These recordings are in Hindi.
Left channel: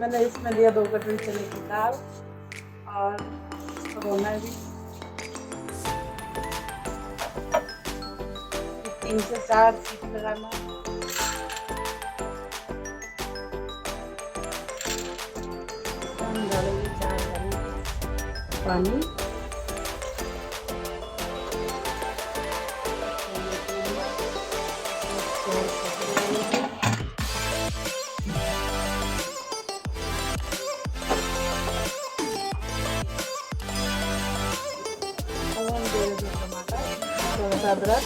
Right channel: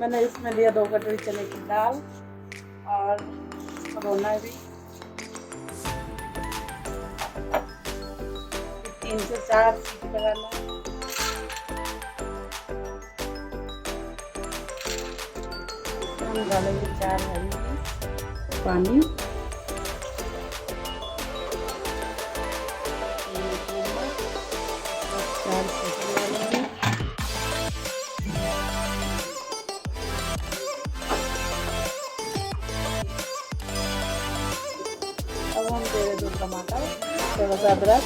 मैंने इसमें लिया 2 कटोरी चने की दाल और भगोना भी 3 से 4 सीटी लगाना। इसमें डालेंगे 4 हरी पानी, थोड़ा सा अदरक,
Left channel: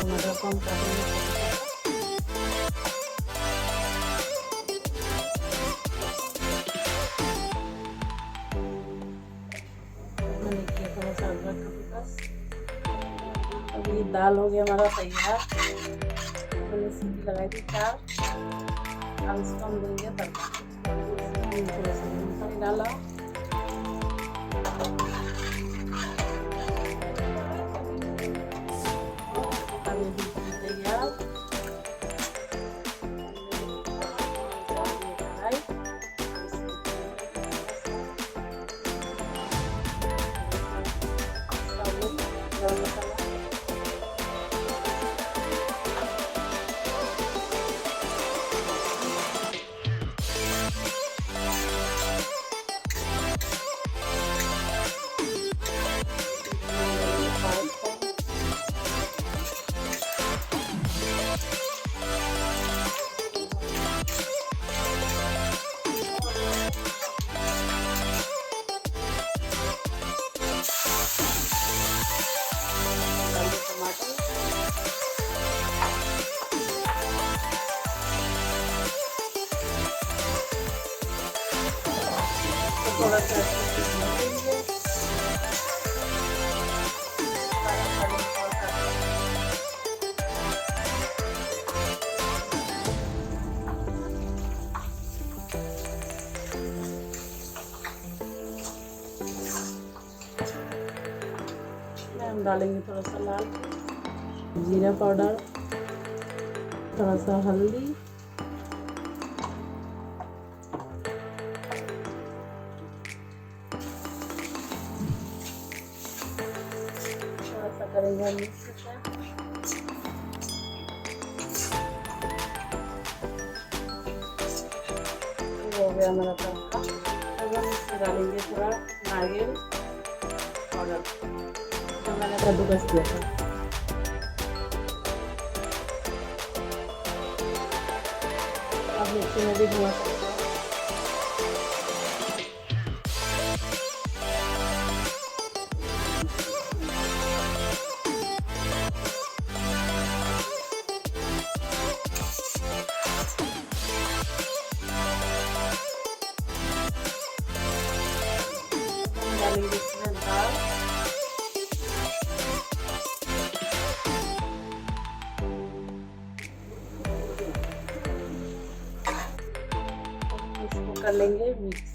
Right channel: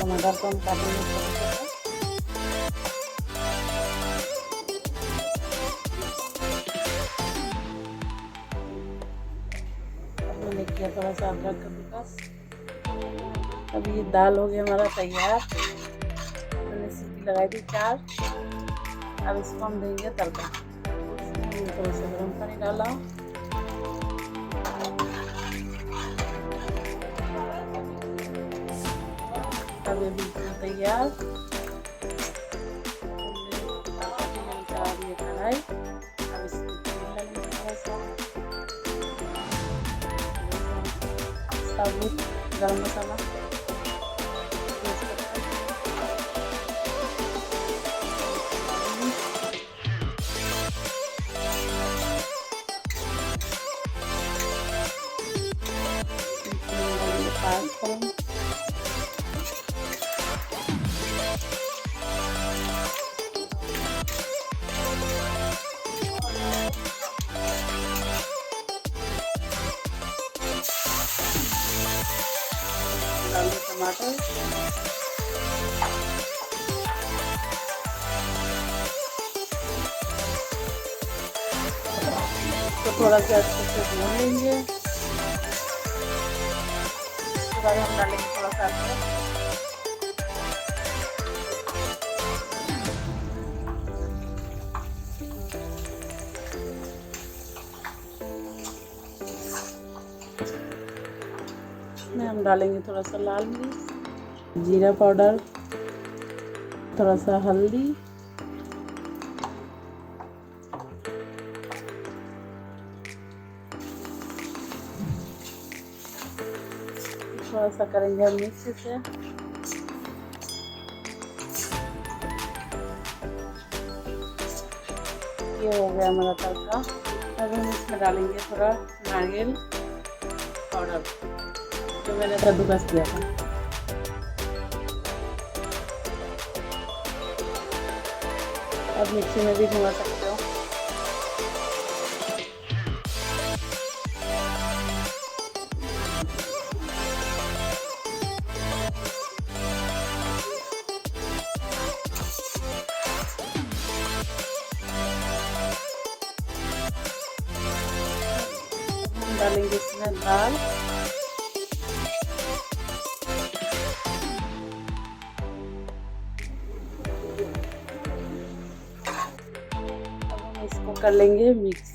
टमाटर को हम काटेंगे। मैंने किया थोड़ा सा अदरक का बस। अभी दाल हो गया हमारा तैयार। मैंने सीटी लगाई थी 4। अब इसको हम देंगे तड़का। थोड़ा सा गर्म पानी डाला, अभी बिल्कुल तैयार। गरम मसाला थोड़ा सा अच्छे से भून लेंगे। इसमें हम डालेंगे थोड़ा सा लाल मिर्च, जीरा पाउडर, थोड़ा सा हल्दी, थोड़ा सा करेंगे हम मिक्स से। ये हो गया हमारा तड़का। अब हम इसमें डालेंगे थोड़ा नारियल पाउडर जो मैंने कद्दूकस किया था। अब मिक्सी में भी घुमा सकते हैं। डालेंगे इसमें दाल, इसको कर लेंगे मिक्स।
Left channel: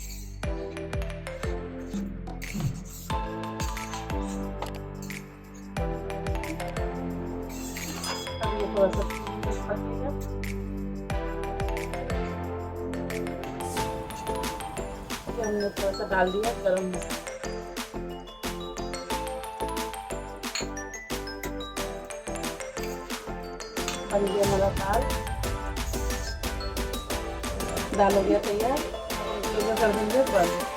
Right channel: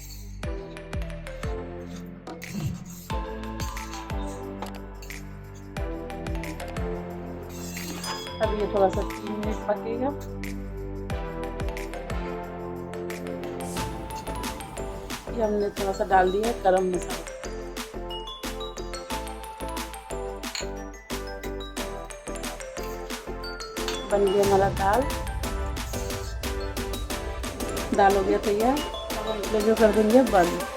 अब ये थोड़ा सा 3 मिनट पकेगा। ये हमने थोड़ा सा डाल दिया गरम मसाला। बन गया हमारा दाल हो गया तैयार। हम कर देंगे बंद।